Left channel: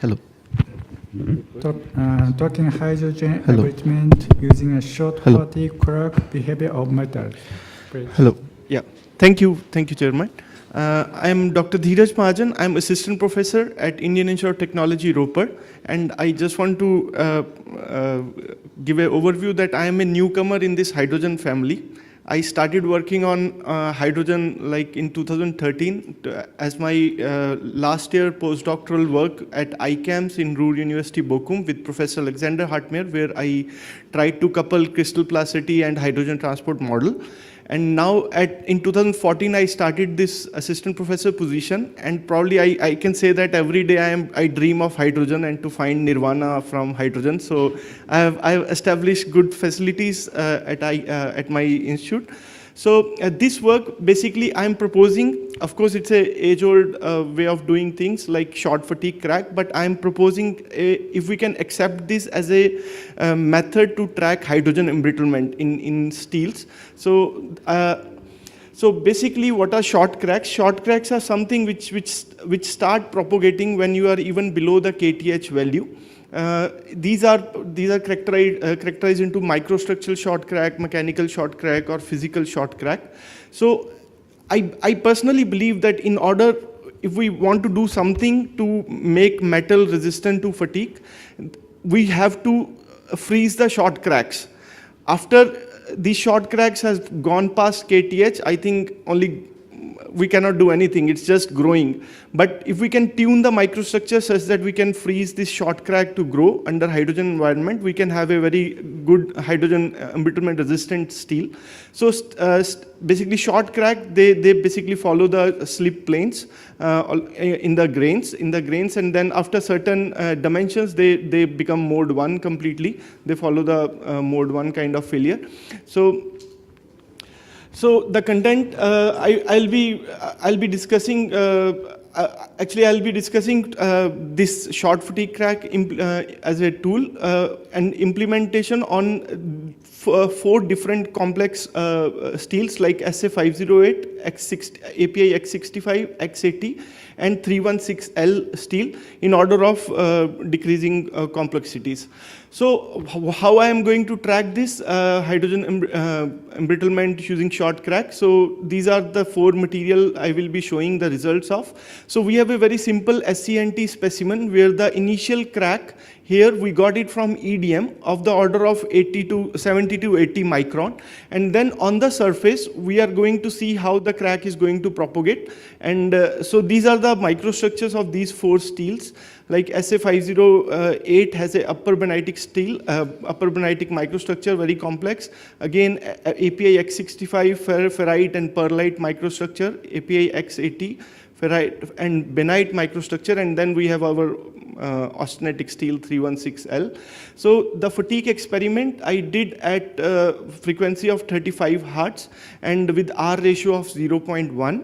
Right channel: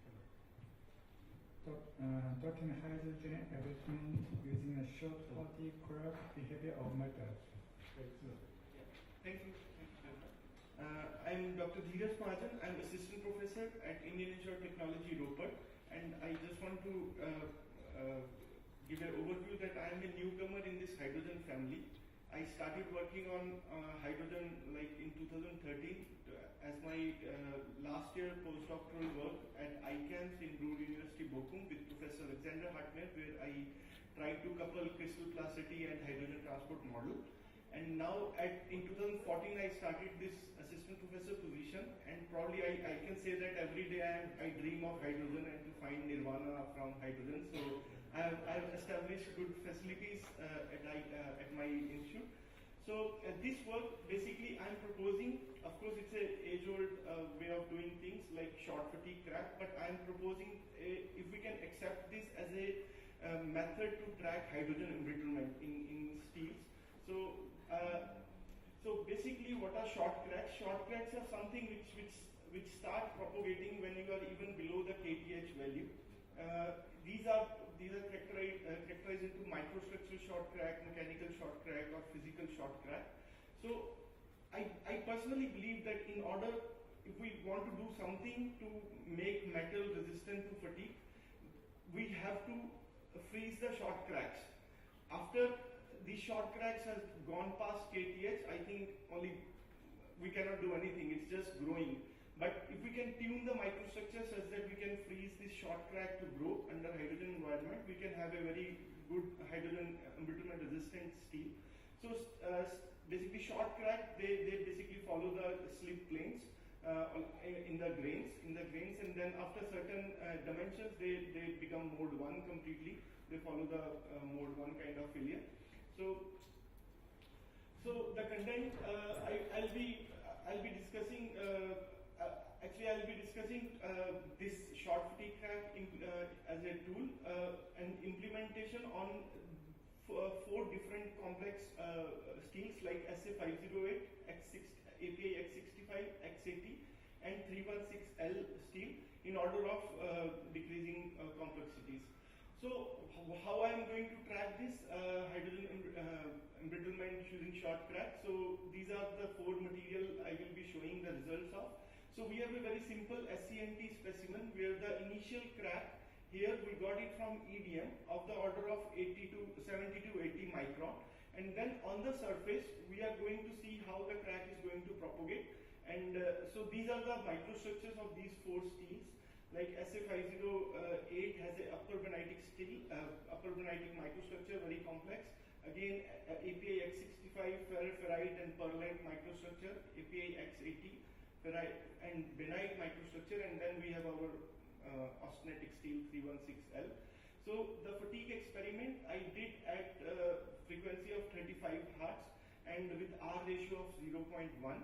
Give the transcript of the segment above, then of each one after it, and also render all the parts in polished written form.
Hello. Talking hydrogen Hello. embrittlement using a short Hello. fatigue crack behavior of metals. Please. Hello. Yeah, thank you, Chairman. I'm Dr. Dheeraj Mahajan. I'm assistant professor at Indian Institute of Technology, Ropar, and I just want to give an overview that I am a newcomer in this hydrogen family. I started working on hydrogen like in 2013 as my last year postdoctoral work at ICAMS in Ruhr University, Bochum with Professor Alexander Hartmeier, where I tried to couple crystal plasticity and hydrogen transport model. And now in 2014, I started this assistant professor position, and probably I can say that every day I dream of hydrogen and to find nirvana from hydrogen. So I've established good facilities at my institute. So this work, basically, I'm proposing, of course, it's an age-old way of doing things like short fatigue crack, but I'm proposing if we can accept this as a method to track hydrogen embrittlement in steels. So basically, what are short cracks? Short cracks are something which start propagating when you are even below the KTH value. These are characterized into microstructural short crack, mechanical short crack, or physical short crack. So I personally believe that in order, if we want to do something to make metal resistant to fatigue, we have to freeze the short cracks. After these short cracks has gone past KTH, I think we cannot do anything, it's just growing. But if we can tune the microstructure such that we can freeze this short crack to grow under hydrogen environment, we can have a very good hydrogen embrittlement resistant steel. So basically short crack, they basically follow the slip planes in the grains, and then after certain dimensions, they become mode 1 completely. They follow the mode 1 kind of failure. So the content I'll be discussing. I'll be discussing this short fatigue crack as a tool and implementation on 4 different complex steels like SA508, API X65, X80, and 316L steel in order of decreasing complexities. So how I am going to track this hydrogen embrittlement using short crack? So these are the 4 material I will be showing the results of. So we have a very simple SCNT specimen where the initial crack here we got it from EDM of the order of 70 to 80 micron. And then on the surface, we are going to see how the crack is going to propagate. And so these are the microstructures of these 4 steels. Like SA508 has a upper benitic steel, upper benitic microstructure, very complex. Again, API X65, ferrite and pearlite microstructure, API X80, ferrite and benite microstructure, and then we have our austenitic steel 316L. So the fatigue experiment I did at frequency of 35 Hertz and with R ratio of 0.1.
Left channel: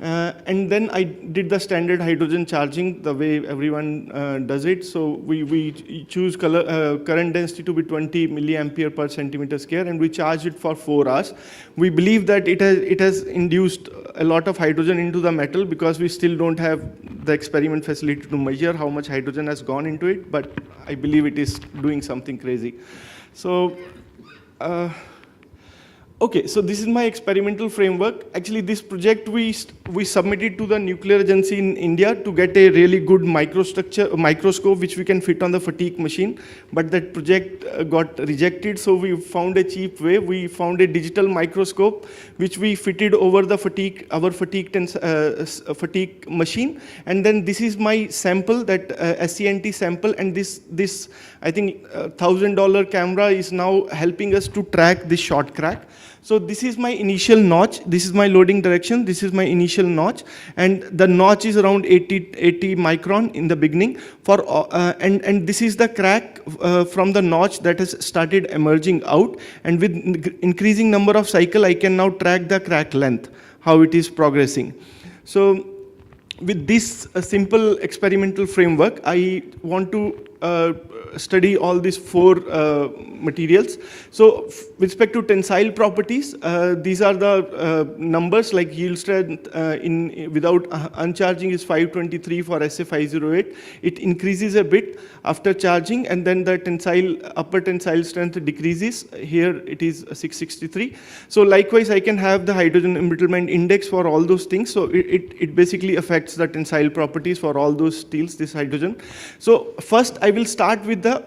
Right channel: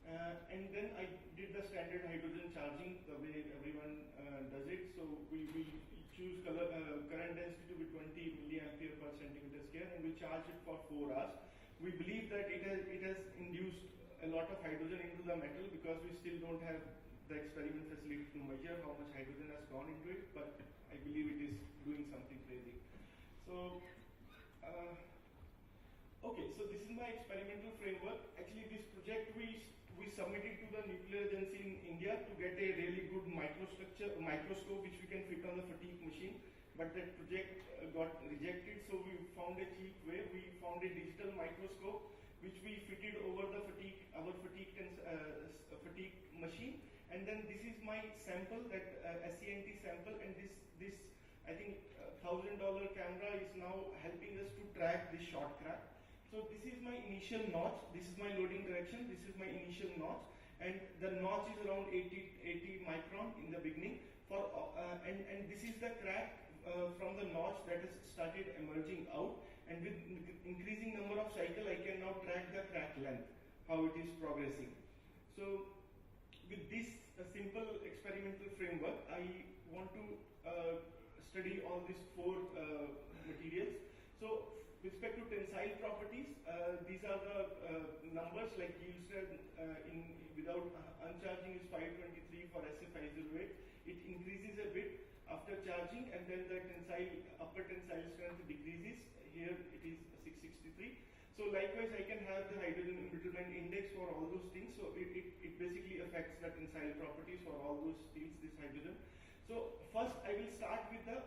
And then I did the standard hydrogen charging the way everyone does it. So we choose current density to be 20 milliampere per centimeter square, and we charge it for 4 hours. We believe that it has induced a lot of hydrogen into the metal because we still don't have the experiment facility to measure how much hydrogen has gone into it, but I believe it is doing something crazy. So. Okay, so this is my experimental framework. Actually, this project we submitted to the Nuclear Agency in India to get a really good microscope which we can fit on the fatigue machine. But that project got rejected, so we found a cheap way. We found a digital microscope which we fitted over the our fatigue machine. And then this is my sample, that SCNT sample, and this I think $1,000 camera is now helping us to track this short crack. So this is my initial notch. This is my loading direction. This is my initial notch, and the notch is around 80 micron in the beginning. And this is the crack from the notch that has started emerging out. And with increasing number of cycle, I can now track the crack length, how it is progressing. So with this simple experimental framework, I want to study all these 4 materials. So with respect to tensile properties, these are the numbers, like yield strength without uncharging is 523 for SA508. It increases a bit after charging, and then the upper tensile strength decreases. Here it is 663. So likewise, I can have the hydrogen embrittlement index for all those things. So it basically affects the tensile properties for all those steels, this hydrogen. So first, I will start with the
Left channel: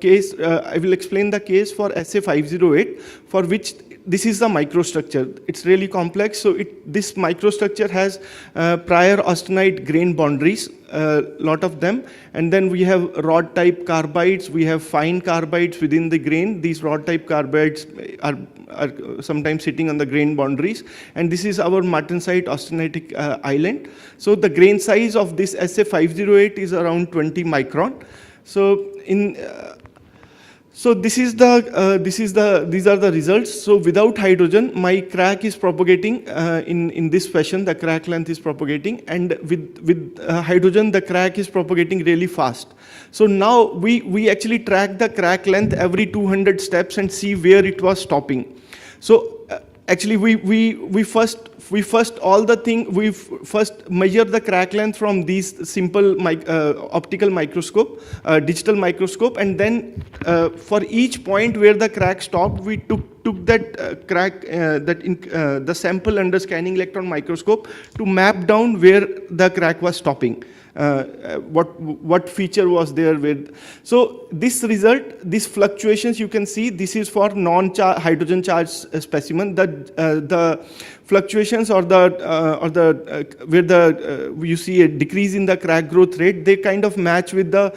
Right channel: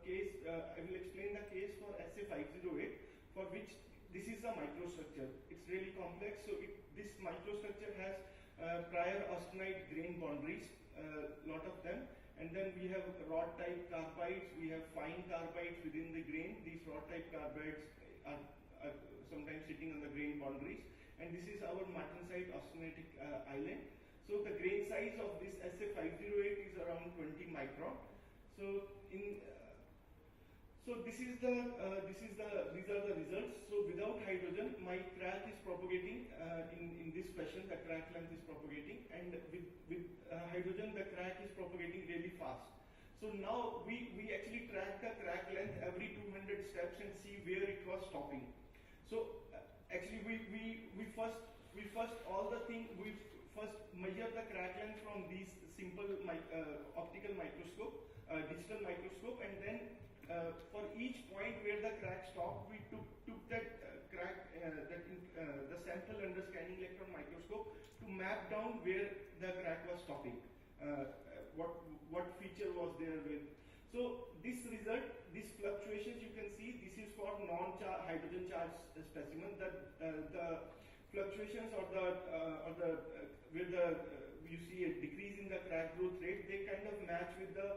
case. I will explain the case for SA508, for which this is the microstructure. It's really complex. So this microstructure has prior austenite grain boundaries, a lot of them. And then we have rod type carbides. We have fine carbides within the grain. These rod type carbides are sometimes sitting on the grain boundaries. And this is our martensite austenitic island. So the grain size of this SA508 is around 20 micron. So these are the results. So without hydrogen, my crack is propagating in this fashion. The crack length is propagating, and with hydrogen, the crack is propagating really fast. So now we actually track the crack length every 200 steps and see where it was stopping. So actually, we first measure the crack length from these simple optical microscope, digital microscope, and then for each point where the crack stopped, we took that crack, the sample under scanning electron microscope to map down where the crack was stopping. What feature was there with. So this result, these fluctuations you can see, this is for non-hydrogen charged specimen. The fluctuations or you see a decrease in the crack growth rate, they kind of match with the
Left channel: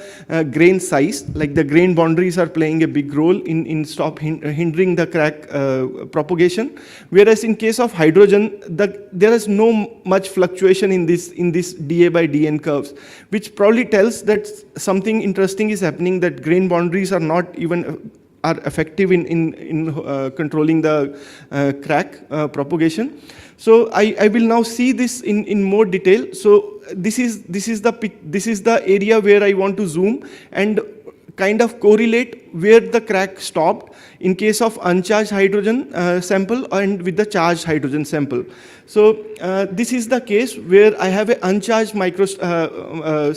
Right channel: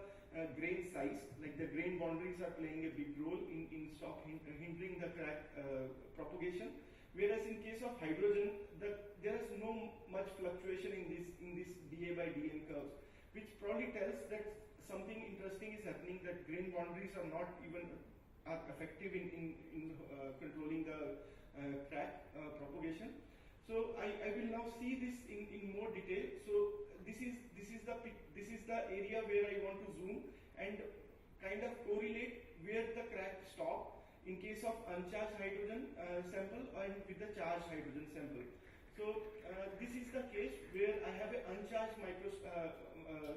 grain size, like the grain boundaries are playing a big role in hindering the crack propagation. Whereas in case of hydrogen, there is no much fluctuation in this dA by dN curves, which probably tells that something interesting is happening, that grain boundaries are not even are effective in controlling the crack propagation. So I will now see this in more detail. So this is the area where I want to zoom and kind of correlate where the crack stopped in case of uncharged hydrogen sample and with the charged hydrogen sample. So this is the case where I have an uncharged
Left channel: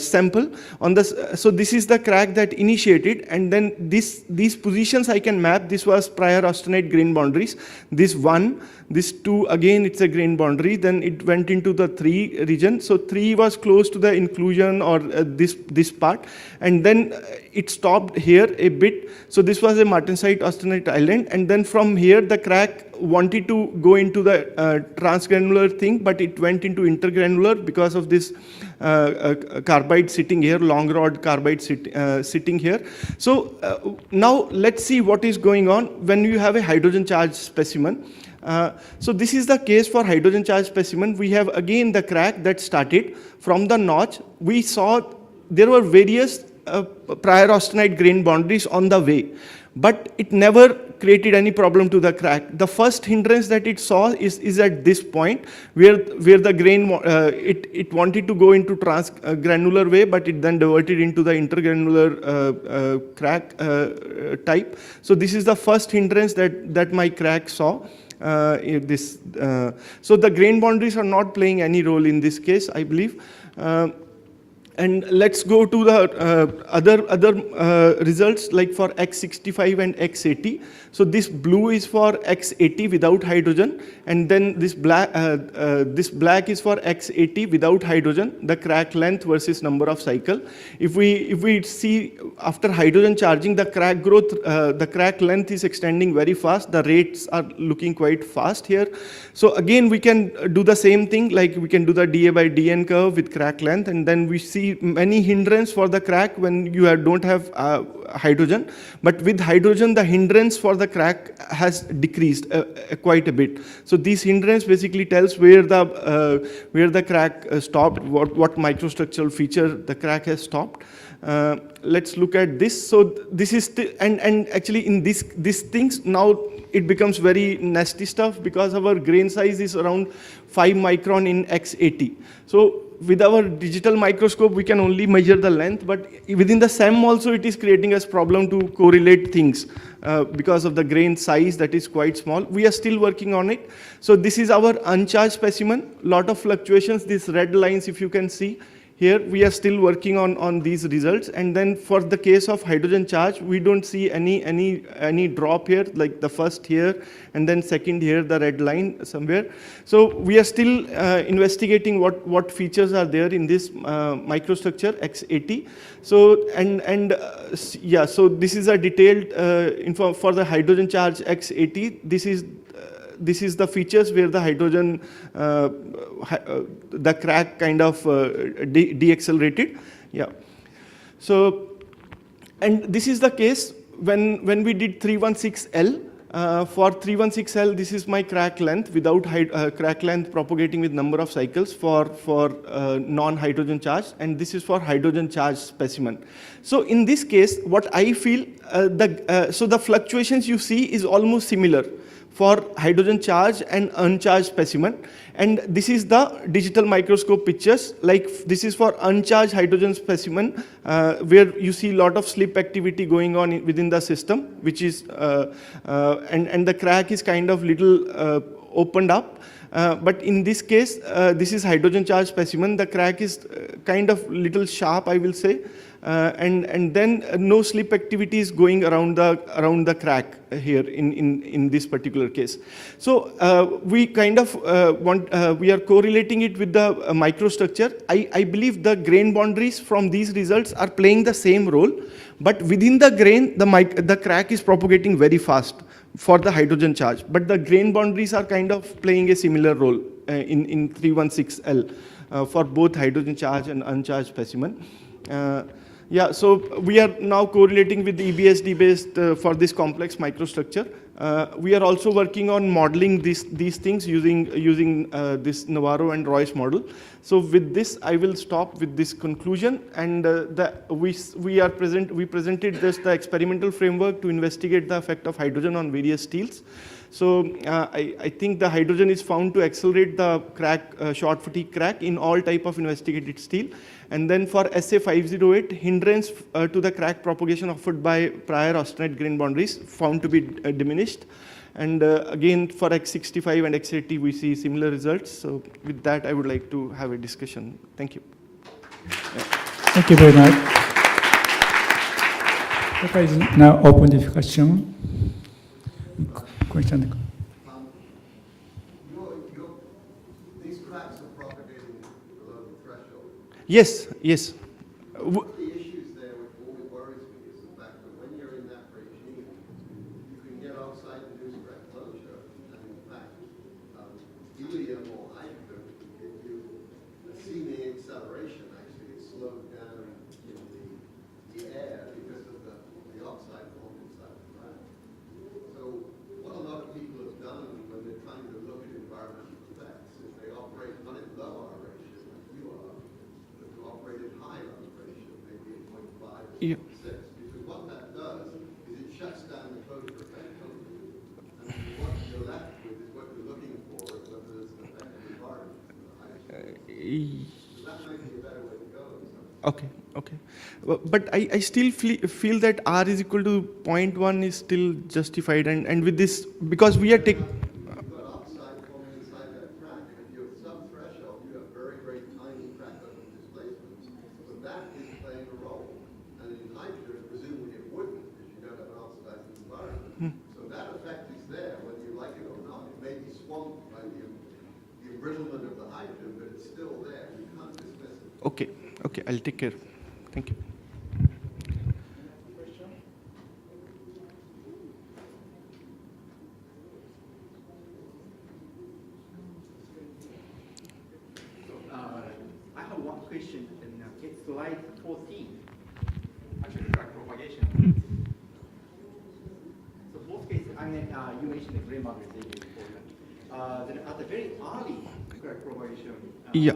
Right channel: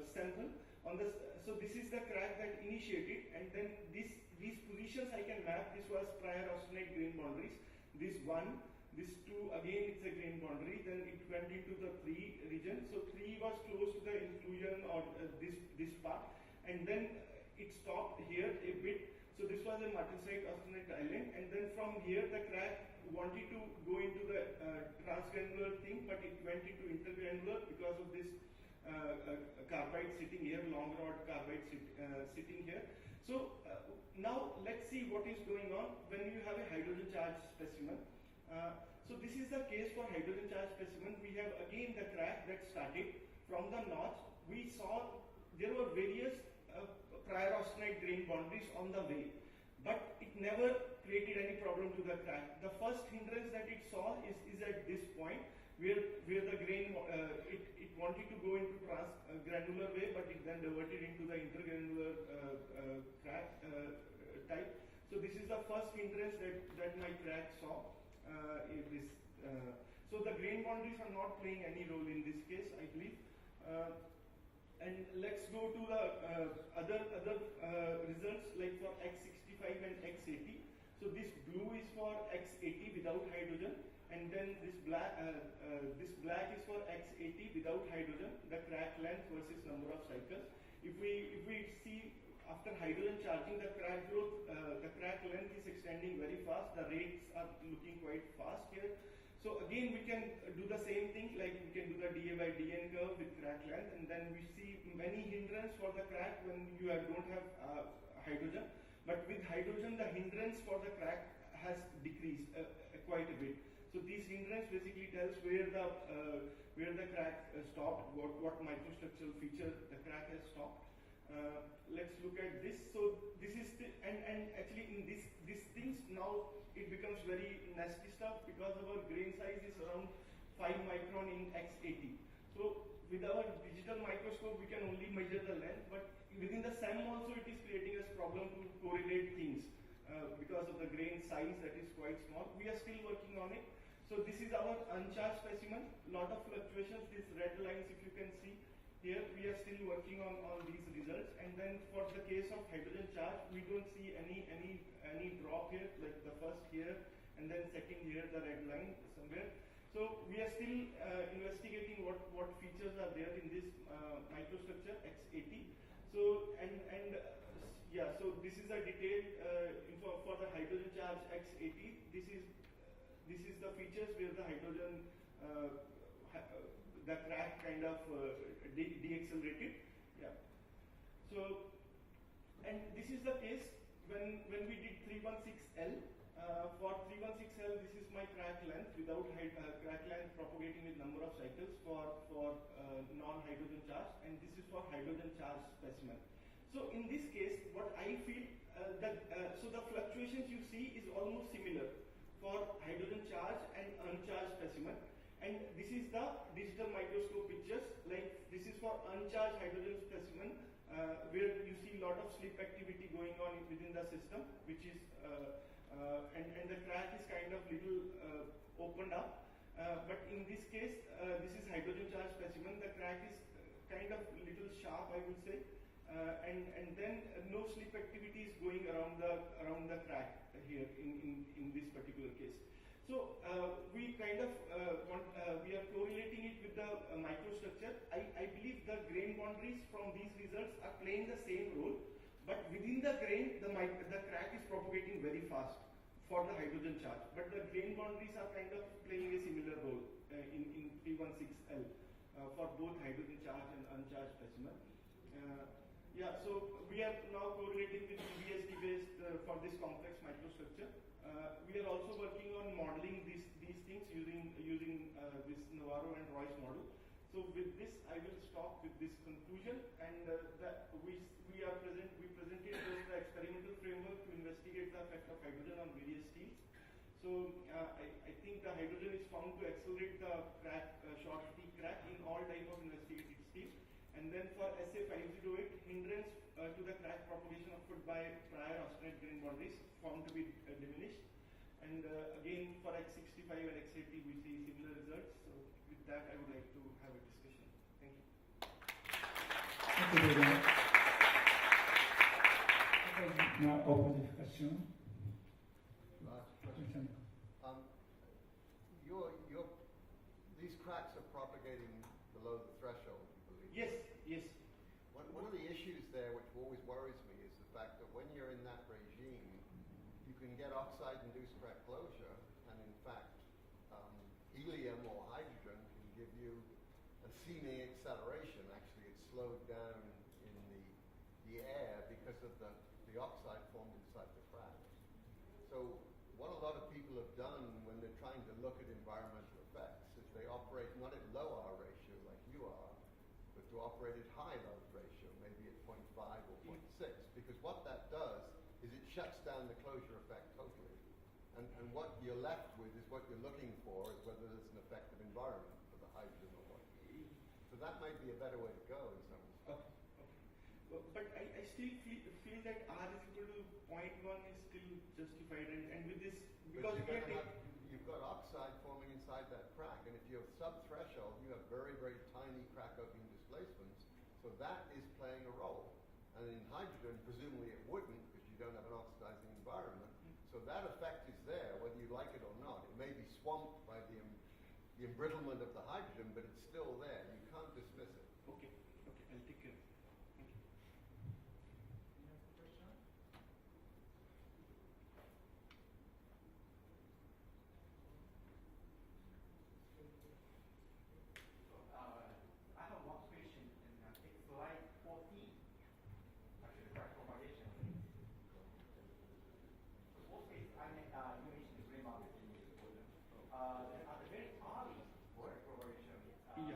sample on this. So this is the crack that initiated, and then these positions I can map. This was prior austenite grain boundaries. This 1, this 2, again it's a grain boundary. Then it went into the 3 region. So 3 was close to the inclusion or this part, and then it stopped here a bit. So this was a martensite austenite island, and then from here the crack wanted to go into the transgranular thing, but it went into intergranular because of this carbide sitting here, long rod carbide sitting here. So now let's see what is going on when you have a hydrogen charged specimen. So this is the case for hydrogen charged specimen. We have again the crack that started from the notch. We saw there were various prior austenite grain boundaries on the way, but it never created any problem to the crack. The first hindrance that it saw is at this point where the grain, it wanted to go into transgranular way, but it then diverted into the intergranular crack type. So this is the first hindrance that my crack saw. So the grain boundaries are not playing any role in this case, I believe. And let's go to the other results, like for X65 and X80. So this blue is for X80 without hydrogen, and then this black is for X80 without hydrogen, the crack length versus number of cycle. If we see after hydrogen charging, the crack growth, the crack length is extending very fast. The rates are looking quite fast here. So again, we can do the same thing, like we can do the dA by dN curve with crack length, and then we see many hindrance for the crack when you don't have hydrogen. But with hydrogen, the hindrance for the crack has decreased quite a bit. So this hindrance basically tells where the crack stopped, what microstructural feature the crack has stopped. Let's look at this. So this is and actually in these things now it becomes very nasty stuff because our grain size is around 5 micron in X80. So with our digital microscope, we can only measure the length, but within the SEM also, it is creating us problem to correlate things because of the grain size that is quite small. We are still working on it. So this is our uncharged specimen, lot of fluctuations, these red lines, if you can see. Here, we are still working on these results. And then for the case of hydrogen charge, we don't see any drop here, like the first here, and then second here, the red line somewhere. So we are still investigating what features are there in this microstructure X80. So, yeah, so this is a detailed info for the hydrogen charge X80. This is the features where the hydrogen, the crack kind of deaccelerated. Yeah. So, and this is the case when we did 316L. For 316L, this is my crack length without crack length propagating with number of cycles for non-hydrogen charge, and this is for hydrogen charge specimen. So in this case, what I feel, so the fluctuations you see is almost similar for hydrogen charge and uncharged specimen. And this is the digital microscope pictures, like this is for uncharged hydrogen specimen, where you see a lot of slip activity going on within the system, which is, and the crack is kind of little opened up. But in this case, this is hydrogen charged specimen. The crack is kind of little sharp, I will say. And then no slip activity is going around the crack here in this particular case. So we kind of we are correlating it with the microstructure. I believe the grain boundaries from these results are playing the same role, but within the grain, the crack is propagating very fast for the hydrogen charge. But the grain boundaries are kind of playing a similar role in 316L for both hydrogen charge and uncharged specimen. Yeah, so we are now correlating with the EBSD-based for this complex microstructure. We are also working on modeling these things using this Navarro and Royce model. So with this, I will stop with this conclusion. And we presented this the experimental framework to investigate the effect of hydrogen on various steels. So I think the hydrogen is found to accelerate the crack, short fatigue crack in all type of investigated steel. And then for SA508, hindrance to the crack propagation offered by prior austenite grain boundaries found to be diminished. And again, for X65 and X80, we see similar results. So with that, I would like to have a discussion. Thank you. Thank you very much. Okay, now open discussion. Question. These cracks are propagating below the threshold. Yes, yes. One of the issues there, which always worries me, is the fact that when you're in that regime, you can get oxide-induced crack closure, and in fact, helium or hydrogen can give you see the acceleration. Actually, it's slowed down in the air because of the oxide formed inside the crack. So what a lot of people have done when they're trying to look at environmental effects is they operate not in low R ratio like you are, but to operate at high R ratio, maybe at 0.5 or 0.6. Yeah. Because what that does is it shuts down the photo effect totally. And what you're left with is what you're looking for, is whether there's an effect on the environment. So that might be a better way to go. Okay, okay. But I still feel that R is equal to 0.1 is still justified. And with this, because we are taking... You've got oxide forming inside that crack, and if you're sub-threshold, you have very, very tiny crack open displacements. So that is playing a role. And in hydrogen, presumably it wouldn't, because you don't have an oxidized environment. So that effect is there, whether you like it or not. It may be swamped by the embrittlement of the hydrogen, but it's still there. You can't dismiss it. Okay, okay, I'll take care. Thank you. I have one question. It's slide 14. Actually, crack propagation. So both cases, I mean, you mentioned the grain boundary is important. Then at the very early crack propagation Yeah.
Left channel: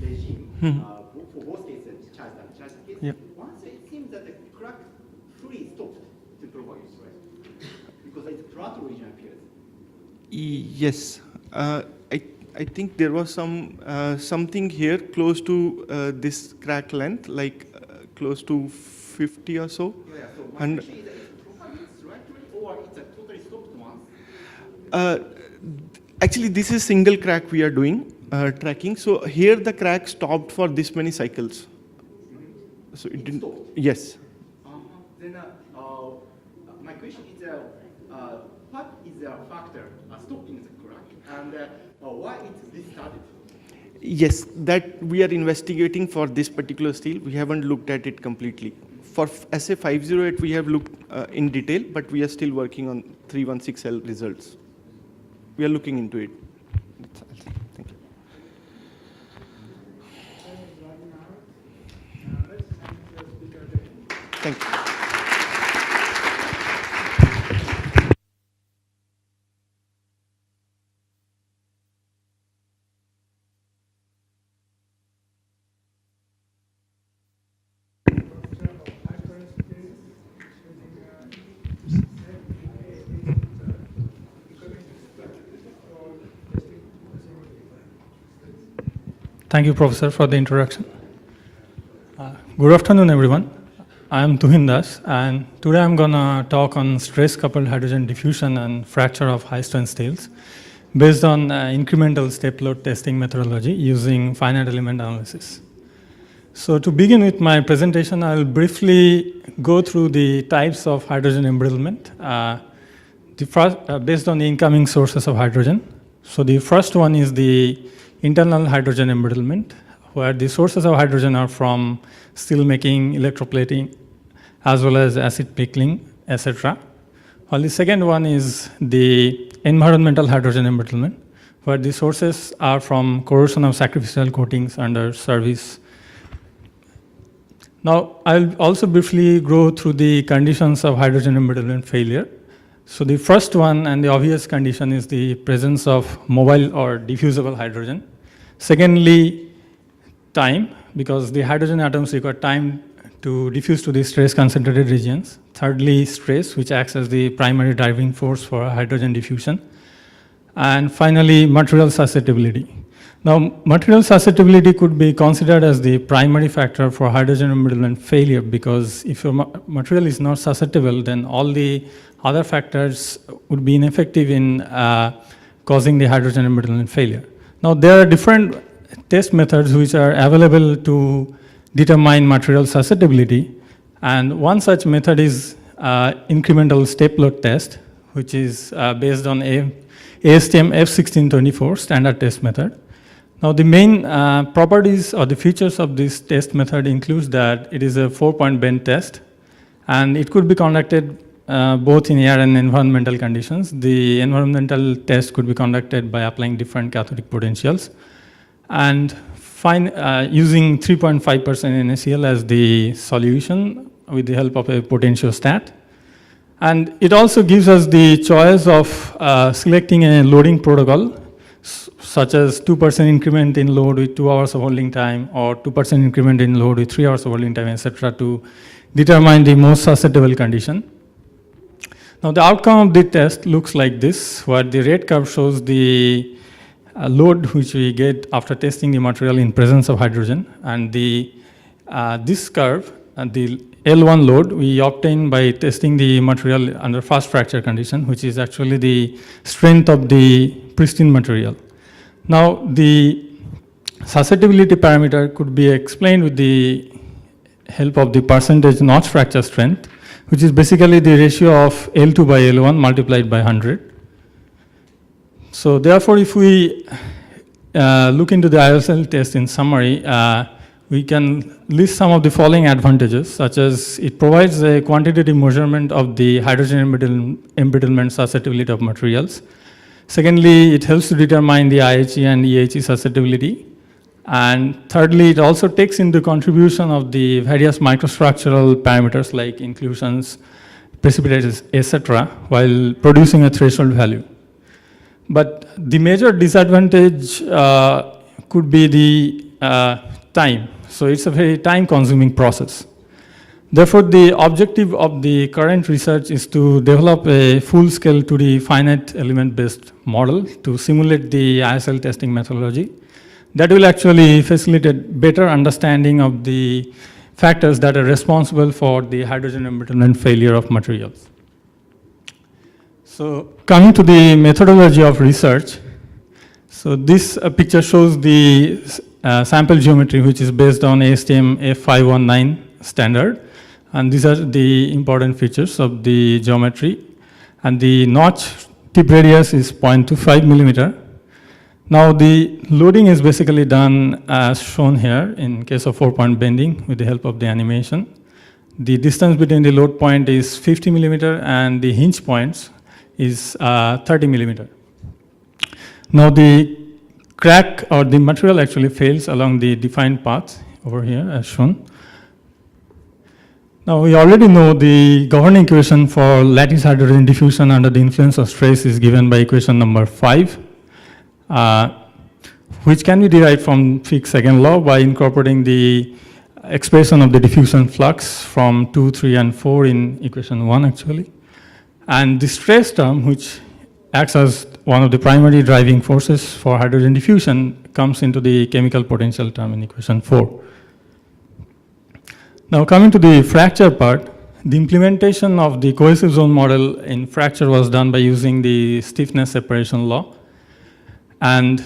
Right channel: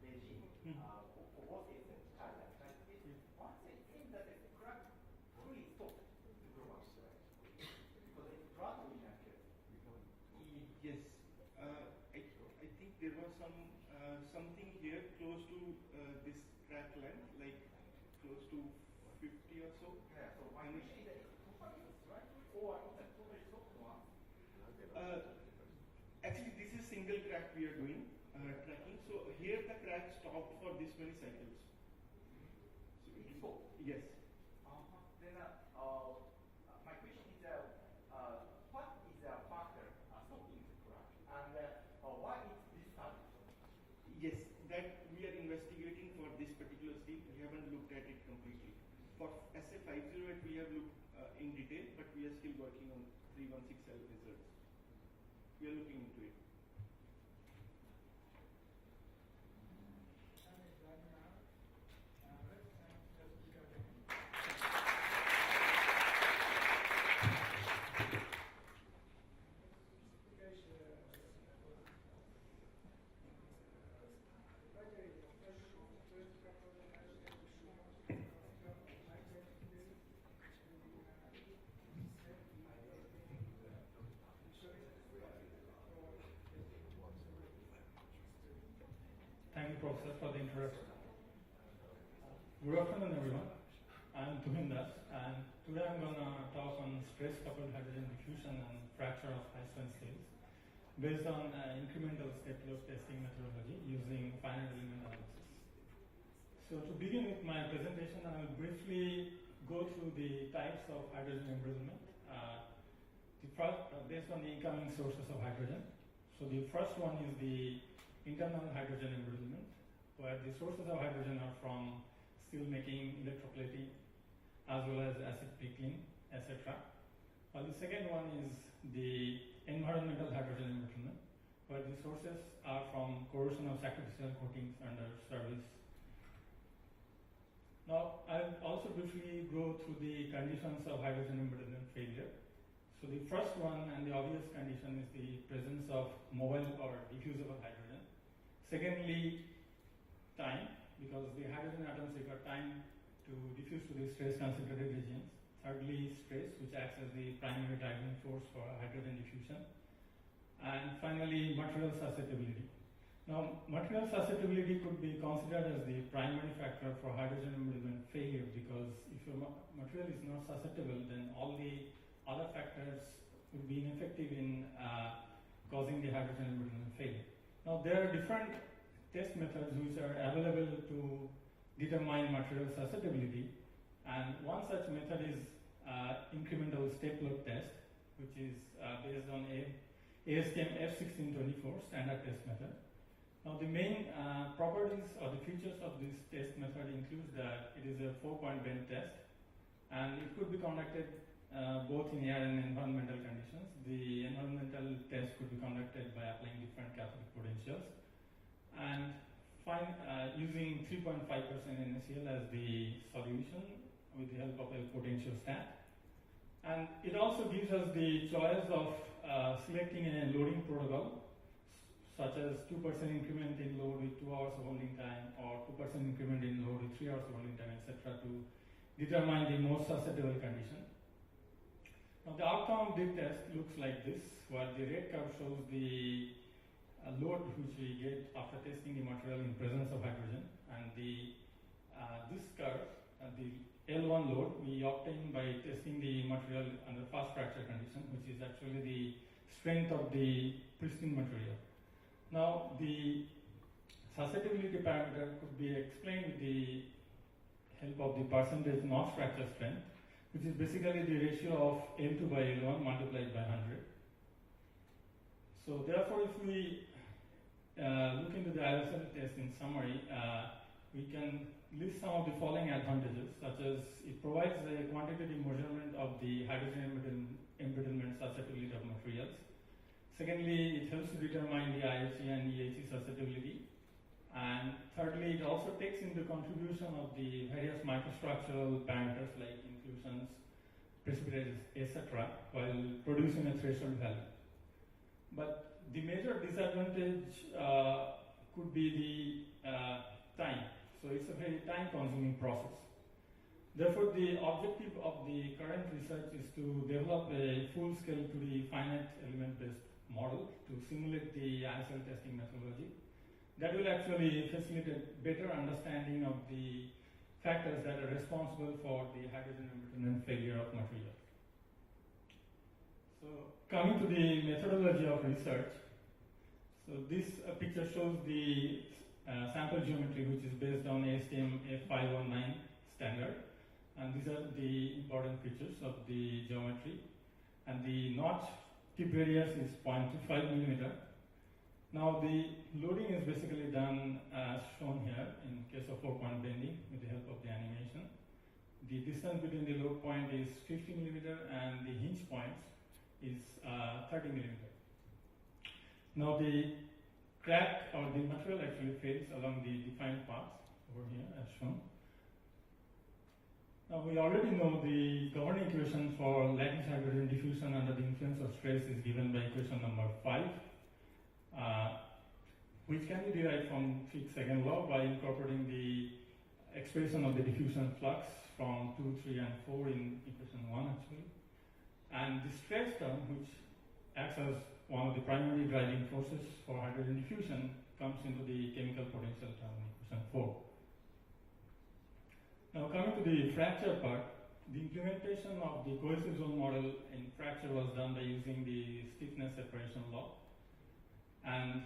regime, for both cases, charge and charge case, Yeah. once it seems that the crack fully stopped to propagate, right? Because it's flat region appears. Yes. I think there was something here close to this crack length, like close to 50 or so. Yeah, so my And question is, properly slightly or it's a totally stopped once? actually, this is single crack we are doing tracking. So here the crack stopped for this many cycles. So it didn't. stopped? Yes. Then my question is, what is the factor stopping the crack, and why it's restarted? Yes, that we are investigating for this particular steel. We haven't looked at it completely. For SA508, we have looked in detail, but we are still working on 316L results. We are looking into it. Thank you. Thank you. Thank you, Professor, for the introduction. Good afternoon, everyone. I am Tuhin Das, and today I'm going to talk on stress-coupled hydrogen diffusion and fracture of high-strength steels based on incremental step load testing methodology using finite element analysis. So to begin with my presentation, I'll briefly go through the types of hydrogen embrittlement based on the incoming sources of hydrogen. So the first one is the internal hydrogen embrittlement, where the sources of hydrogen are from steel making, electroplating, as well as acid pickling, etc. While the second one is the environmental hydrogen embrittlement, where the sources are from corrosion of sacrificial coatings under service. Now, I'll also briefly go through the conditions of hydrogen embrittlement failure. So the first one and the obvious condition is the presence of mobile or diffusible hydrogen. Secondly, time, because the hydrogen atoms require time to diffuse to the stress concentrated regions. Thirdly, stress, which acts as the primary driving force for hydrogen diffusion. And finally, material susceptibility. Now, material susceptibility could be considered as the primary factor for hydrogen embrittlement failure, because if your material is not susceptible, then all the other factors would be ineffective in causing the hydrogen embrittlement failure. Now, there are different test methods which are available to determine material susceptibility, and one such method is incremental step load test, which is based on ASTM F1624 standard test method. Now, the main properties or the features of this test method includes that it is a 4-point bend test, and it could be conducted both in air and environmental conditions. The environmental test could be conducted by applying different cathodic potentials and using 3.5% NaCl as the solution with the help of a potentiostat. And it also gives us the choice of selecting a loading protocol, such as 2% increment in load with 2 hours of holding time, or 2% increment in load with 3 hours of holding time, etc., to determine the most susceptible condition. Now, the outcome of the test looks like this, where the red curve shows the load which we get after testing the material in presence of hydrogen, and this curve, the L1 load, we obtain by testing the material under fast fracture condition, which is actually the strength of the pristine material. Now, the susceptibility parameter could be explained with the help of the percentage notch fracture strength, which is basically the ratio of L2 by L1 multiplied by 100. So therefore, if we look into the ISL test in summary, we can list some of the following advantages, such as it provides a quantitative measurement of the hydrogen embrittlement susceptibility of materials. Secondly, it helps to determine the IHE and EHE susceptibility. And thirdly, it also takes into contribution of the various microstructural parameters like inclusions, precipitates, etc., while producing a threshold value. But the major disadvantage could be the time. So it's a very time-consuming process. Therefore, the objective of the current research is to develop a full-scale 2D finite element-based model to simulate the ISL testing methodology that will actually facilitate better understanding of the factors that are responsible for the hydrogen embrittlement failure of materials. So coming to the methodology of research, so this picture shows the sample geometry, which is based on ASTM F519 standard. And these are the important features of the geometry. And the notch tip radius is 0.25 millimeter. Now the loading is basically done as shown here in case of 4-point bending with the help of the animation. The distance between the load point is 50 millimeter and the hinge points is 30 millimeter. Now the crack or the material actually fails along the defined path over here as shown. Now we already know the governing equation for lattice hydrogen diffusion under the influence of stress is given by equation number 5. Which can be derived from Fick's second law by incorporating the expression of the diffusion flux from 2, 3, and 4 in equation 1 actually. And the stress term, which acts as one of the primary driving forces for hydrogen diffusion, comes into the chemical potential term in equation 4. Now coming to the fracture part, the implementation of the cohesive zone model in fracture was done by using the stiffness separation law. And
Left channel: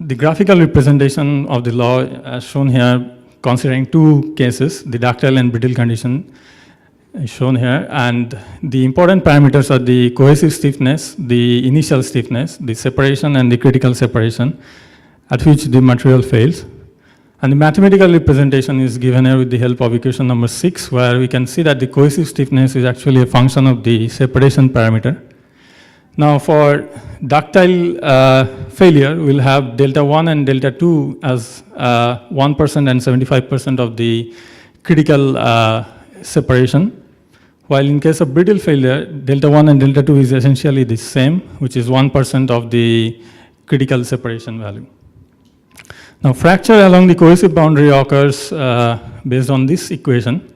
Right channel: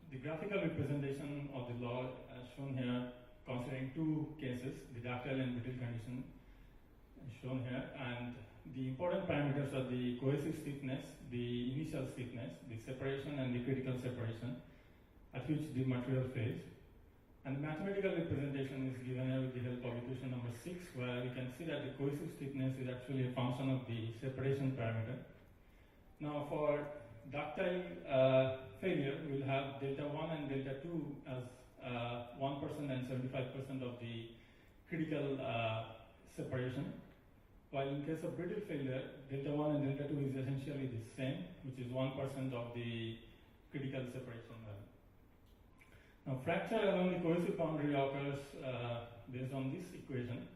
the graphical representation of the law as shown here, considering two cases, the ductile and brittle condition is shown here. And the important parameters are the cohesive stiffness, the initial stiffness, the separation and the critical separation at which the material fails. And the mathematical representation is given here with the help of equation number 6, where we can see that the cohesive stiffness is actually a function of the separation parameter. Now for ductile failure, we'll have delta 1 and delta 2 as 1% and 75% of the critical separation. While in case of brittle failure, delta 1 and delta 2 is essentially the same, which is 1% of the critical separation value. Now fracture along the cohesive boundary occurs based on this equation,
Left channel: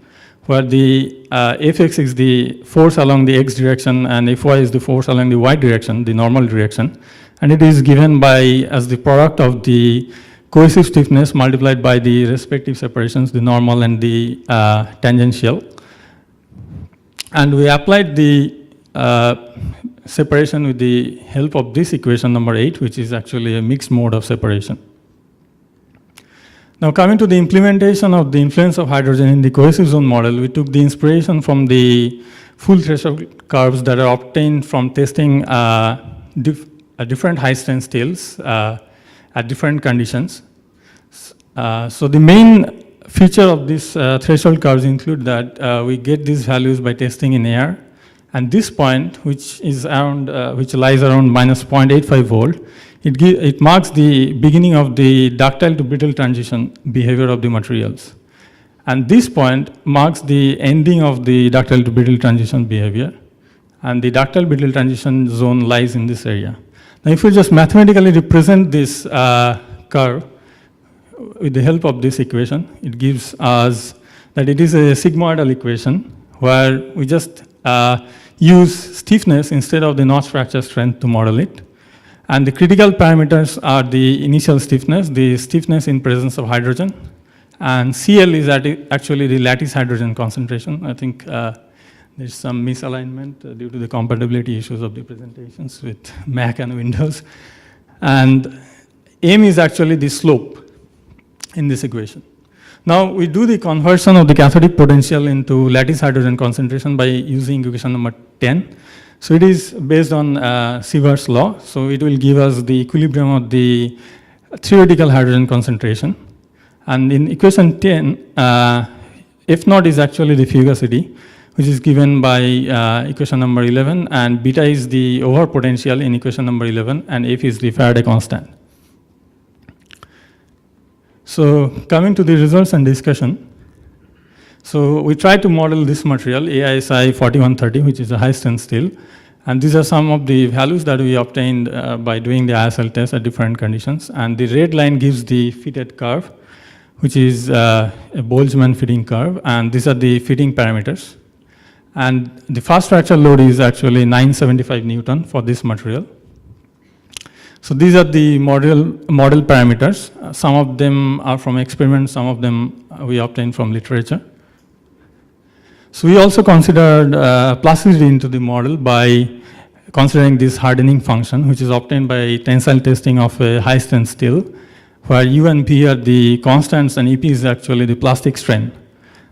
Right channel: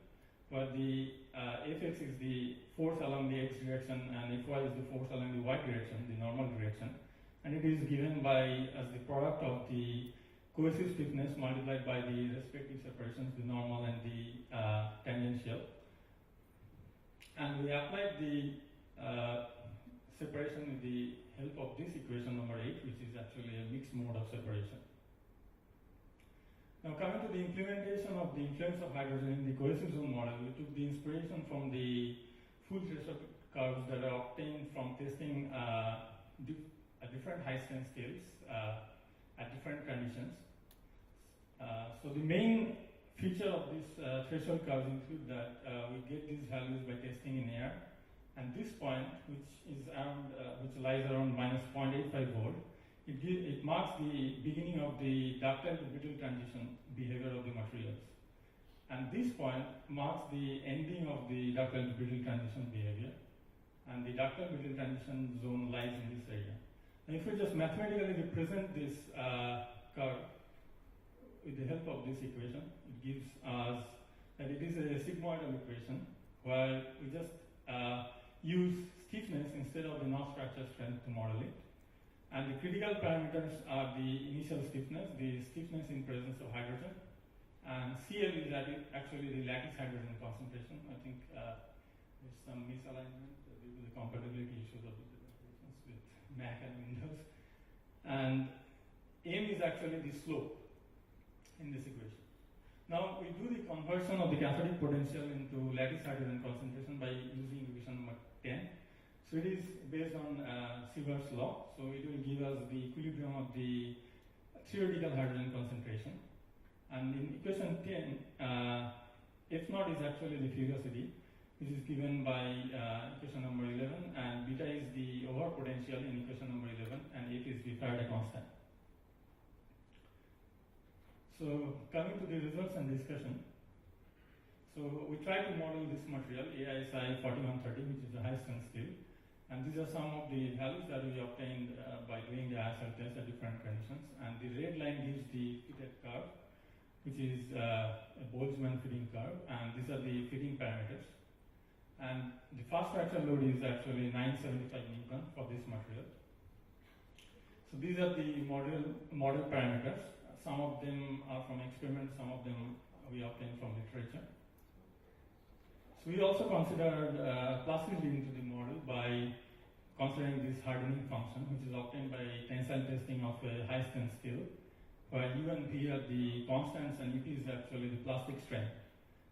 where the Fx is the force along the x direction and Fy is the force along the y direction, the normal direction. And it is given by as the product of the cohesive stiffness multiplied by the respective separations, the normal and the tangential. And we applied the separation with the help of this equation number 8, which is actually a mixed mode of separation. Now coming to the implementation of the influence of hydrogen in the cohesive zone model, we took the inspiration from the full threshold curves that are obtained from testing different high strength steels at different conditions. So the main feature of these threshold curves include that we get these values by testing in air, and this point, which is around, which lies around minus 0.85 volt, it marks the beginning of the ductile to brittle transition behavior of the materials. And this point marks the ending of the ductile to brittle transition behavior. And the ductile brittle transition zone lies in this area. Now if we just mathematically represent this curve with the help of this equation, it gives us that it is a sigmoidal equation where we just use stiffness instead of the notch fracture strength to model it. And the critical parameters are the initial stiffness, the stiffness in presence of hydrogen, and CL is actually the lattice hydrogen concentration. I think there's some misalignment due to the compatibility issues of the presentations with Mac and Windows. And M is actually the slope in this equation. Now we do the conversion of the cathodic potential into lattice hydrogen concentration by using equation number 10. So it is based on Sievert's law. So it will give us the equilibrium of the theoretical hydrogen concentration. And in equation 10, F naught is actually the fugacity, which is given by equation number 11, and beta is the over potential in equation number 11, and F is the Faraday constant. So coming to the results and discussion. So we tried to model this material, AISI 4130, which is a high strength steel. And these are some of the values that we obtained by doing the ISL test at different conditions. And the red line gives the fitted curve, which is a Boltzmann fitting curve, and these are the fitting parameters. And the fast fracture load is actually 975 Newton for this material. So these are the model parameters. Some of them are from experiments, some of them we obtained from literature. So we also considered plasticity into the model by considering this hardening function, which is obtained by tensile testing of a high-strength steel, where U and P are the constants and EP is actually the plastic strength.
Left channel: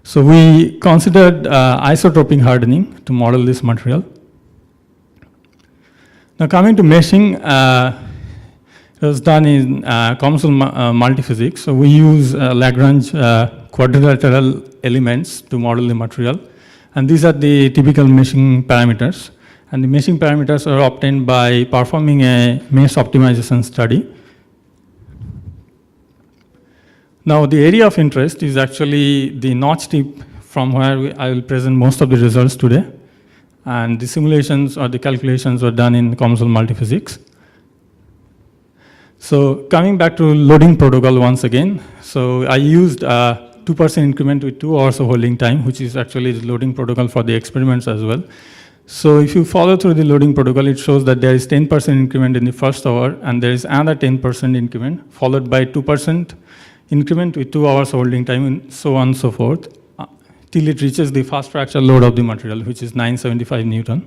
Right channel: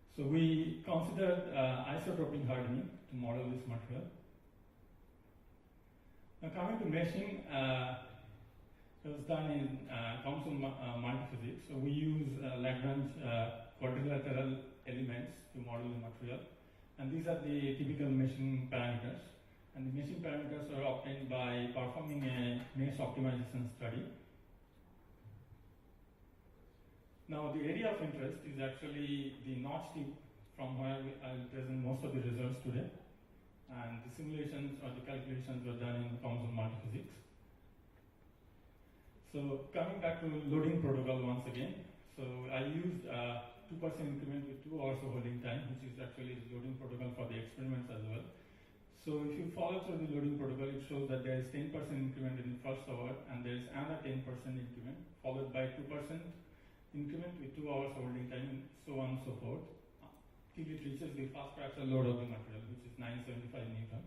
So we considered isotropic hardening to model this material. Now coming to meshing, it was done in conventional multiphysics. So we use Lagrange quadrilateral elements to model the material. And these are the typical meshing parameters. And the meshing parameters are obtained by performing a mesh optimization study. Now, the area of interest is actually the notch tip from where I will present most of the results today. And the simulations or the calculations were done in conventional multiphysics. So coming back to loading protocol once again. So I used 2% increment with 2 hours of holding time, which is actually the loading protocol for the experiments as well. So if you follow through the loading protocol, it shows that there is 10% increment in the first hour, and there is another 10% increment, followed by 2% increment with 2 hours holding time, and so on and so forth, till it reaches the fast fracture load of the material, which is 975 Newton.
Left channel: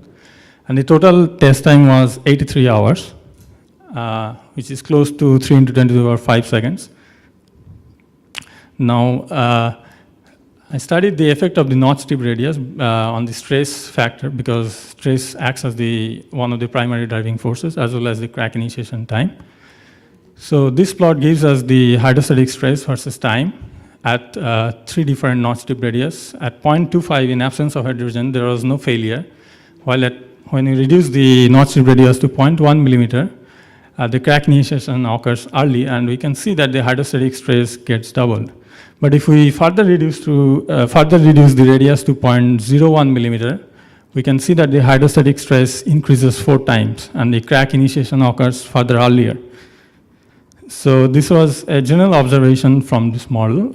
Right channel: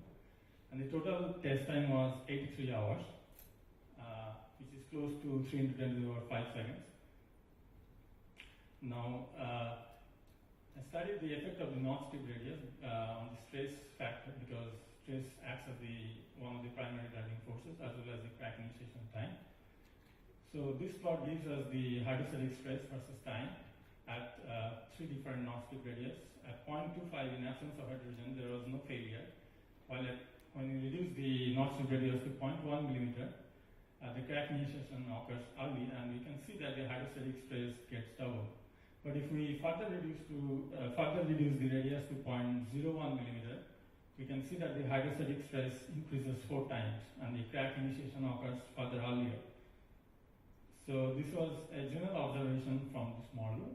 And the total test time was 83 hours, which is close to 3 into 10 to the power 5 seconds. Now, I studied the effect of the notch tip radius on the stress factor, because stress acts as one of the primary driving forces, as well as the crack initiation time. So this plot gives us the hydrostatic stress versus time at 3 different notch tip radius. At 0.25, in absence of hydrogen, there was no failure, while when you reduce the notch tip radius to 0.1 millimeter, the crack initiation occurs early, and we can see that the hydrostatic stress gets doubled. But if we further reduce the radius to 0.01 millimeter, we can see that the hydrostatic stress increases 4 times, and the crack initiation occurs further earlier. So this was a general observation from this model,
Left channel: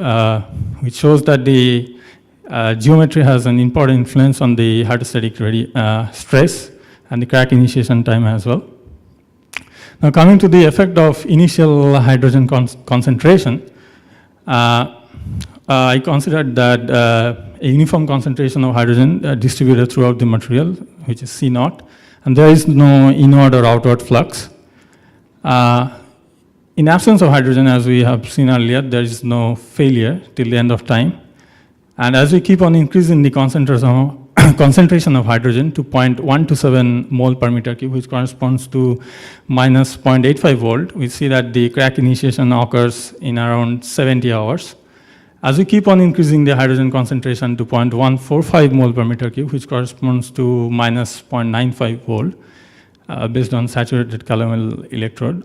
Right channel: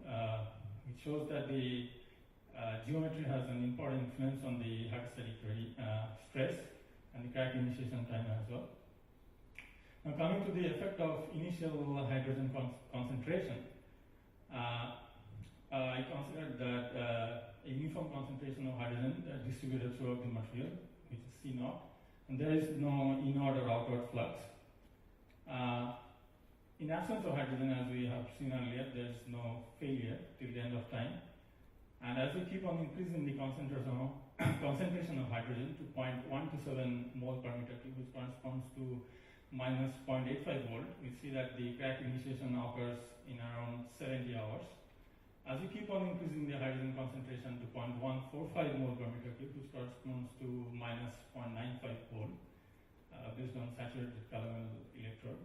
which shows that the geometry has an important influence on the hydrostatic stress and the crack initiation time as well. Now coming to the effect of initial hydrogen concentration, I considered that a uniform concentration of hydrogen distributed throughout the material, which is C naught, and there is no inward or outward flux. In absence of hydrogen, as we have seen earlier, there is no failure till the end of time. And as we keep on increasing the concentration of hydrogen to 0.127 mole per meter cube, which corresponds to minus 0.85 volt, we see that the crack initiation occurs in around 70 hours. As we keep on increasing the hydrogen concentration to 0.145 mole per meter cube, which corresponds to minus 0.95 volt, based on saturated calomel electrode.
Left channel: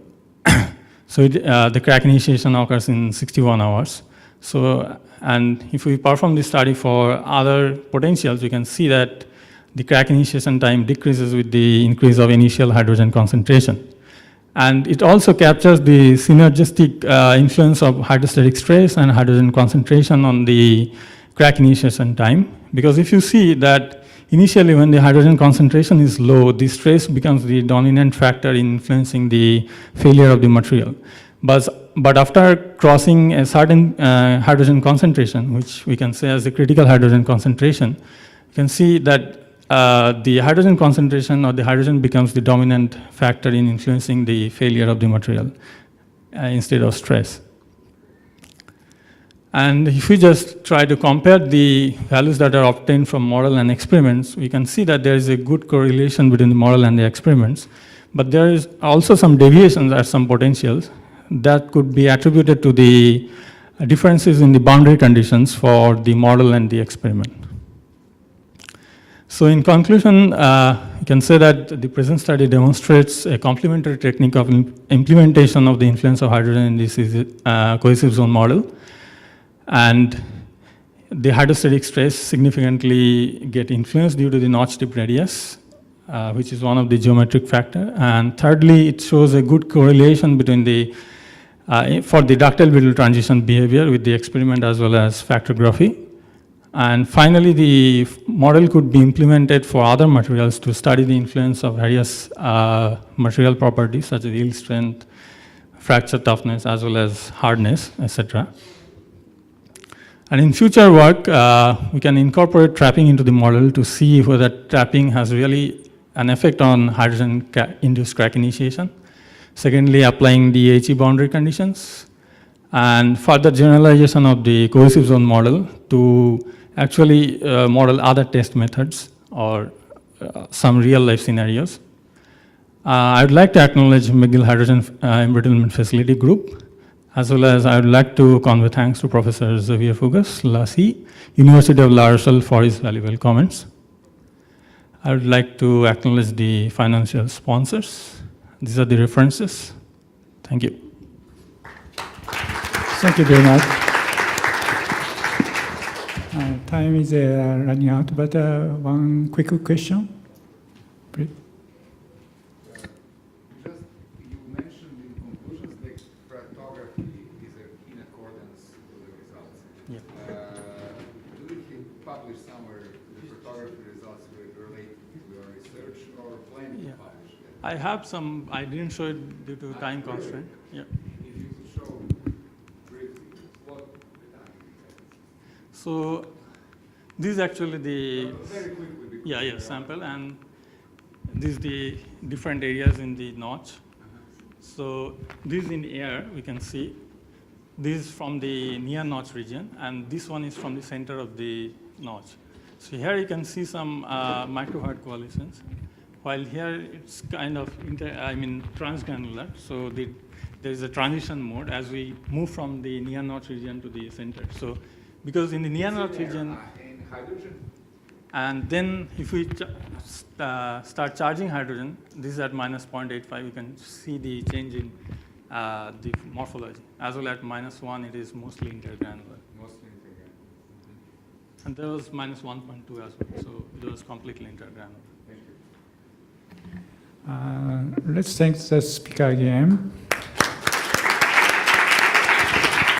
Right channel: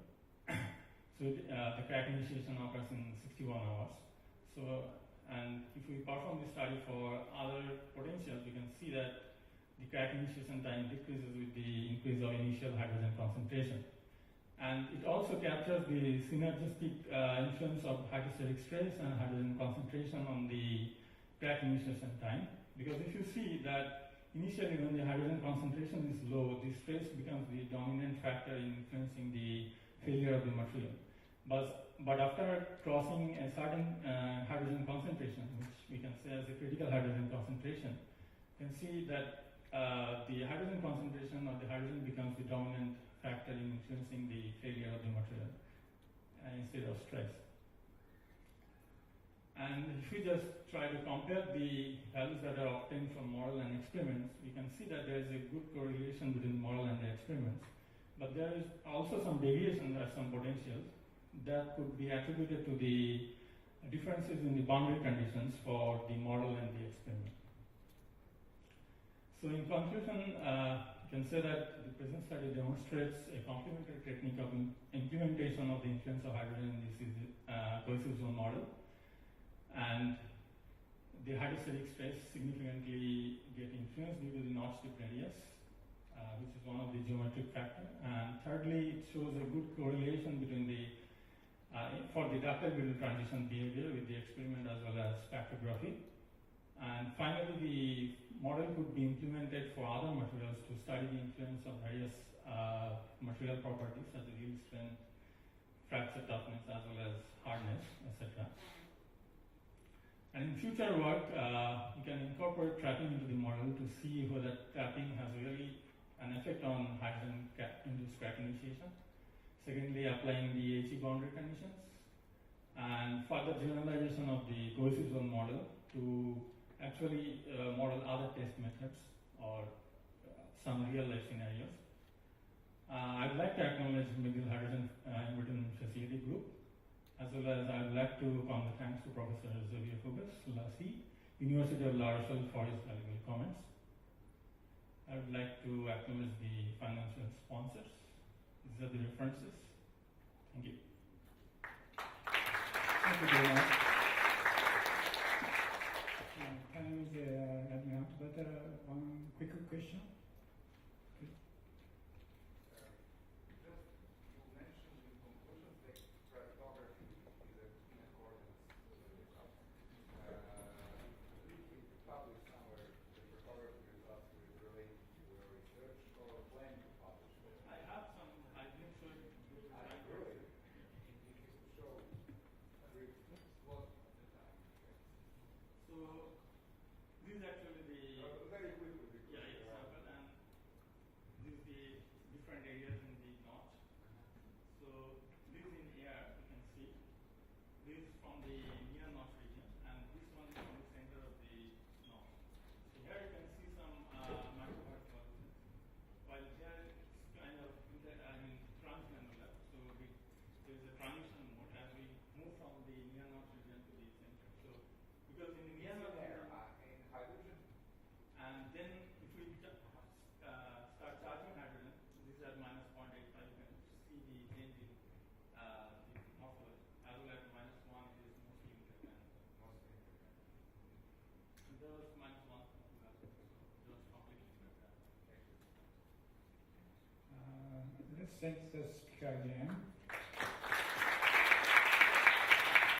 So the crack initiation occurs in 61 hours. So, and if we perform this study for other potentials, we can see that the crack initiation time decreases with the increase of initial hydrogen concentration. And it also captures the synergistic influence of hydrostatic stress and hydrogen concentration on the crack initiation time. Because if you see that initially when the hydrogen concentration is low, the stress becomes the dominant factor in influencing the failure of the material. But after crossing a certain hydrogen concentration, which we can say as the critical hydrogen concentration, you can see that the hydrogen concentration or the hydrogen becomes the dominant factor in influencing the failure of the material instead of stress. And if we just try to compare the values that are obtained from model and experiments, we can see that there is a good correlation between the model and the experiments. But there is also some deviations at some potentials that could be attributed to the differences in the boundary conditions for the model and the experiment. So in conclusion, you can say that the present study demonstrates a complementary technique of implementation of the influence of hydrogen in this cohesive zone model. And the hydrostatic stress significantly get influenced due to the notch tip radius, which is one of the geometric factor. And thirdly, it shows a good correlation between the for the ductile brittle transition behavior with the experiment as well as factography. And finally, the model could be implemented for other materials to study the influence of various material properties such as yield strength, fracture toughness, as well as hardness, etc. And in future work, we can incorporate trapping into the model to see whether trapping has really an effect on hydrogen-induced crack initiation. Secondly, applying the HE boundary conditions, and further generalization of the cohesive zone model to actually model other test methods or some real-life scenarios. I would like to acknowledge McGill Hydrogen Embrittlement Facility Group, as well as I would like to convey thanks to Professor Xavier Fugas, Lassie, University of La Rochelle, for his valuable comments. I would like to acknowledge the financial sponsors. These are the references. Thank you. Thank you very much. Time is running out, but one quick question, please. You mentioned in conclusions that cartography is in accordance with the results. Yeah. Do you publish somewhere the cartography results relate to your research or planning to publish that? I have some, I didn't show it due to time constraint. Yeah. If you could show briefly what the time is. So this is actually the very quickly. yeah sample, and this is the different areas in the notch. So this in air we can see. This is from the near notch region, and this one is from the center of the notch. So here you can see some microhard coalitions, while here it's kind of transgranular. So there is a transition mode as we move from the near notch region to the center. So because in the near notch region, Hydrogen? and then if we start charging hydrogen, this is at minus 0.85, you can see the change in the morphology. As well at -1, it is mostly intergranular. Mostly intergranular. And there was minus 1.2 as well, so it was completely intergranular. Thank you. Let's thank the speaker again.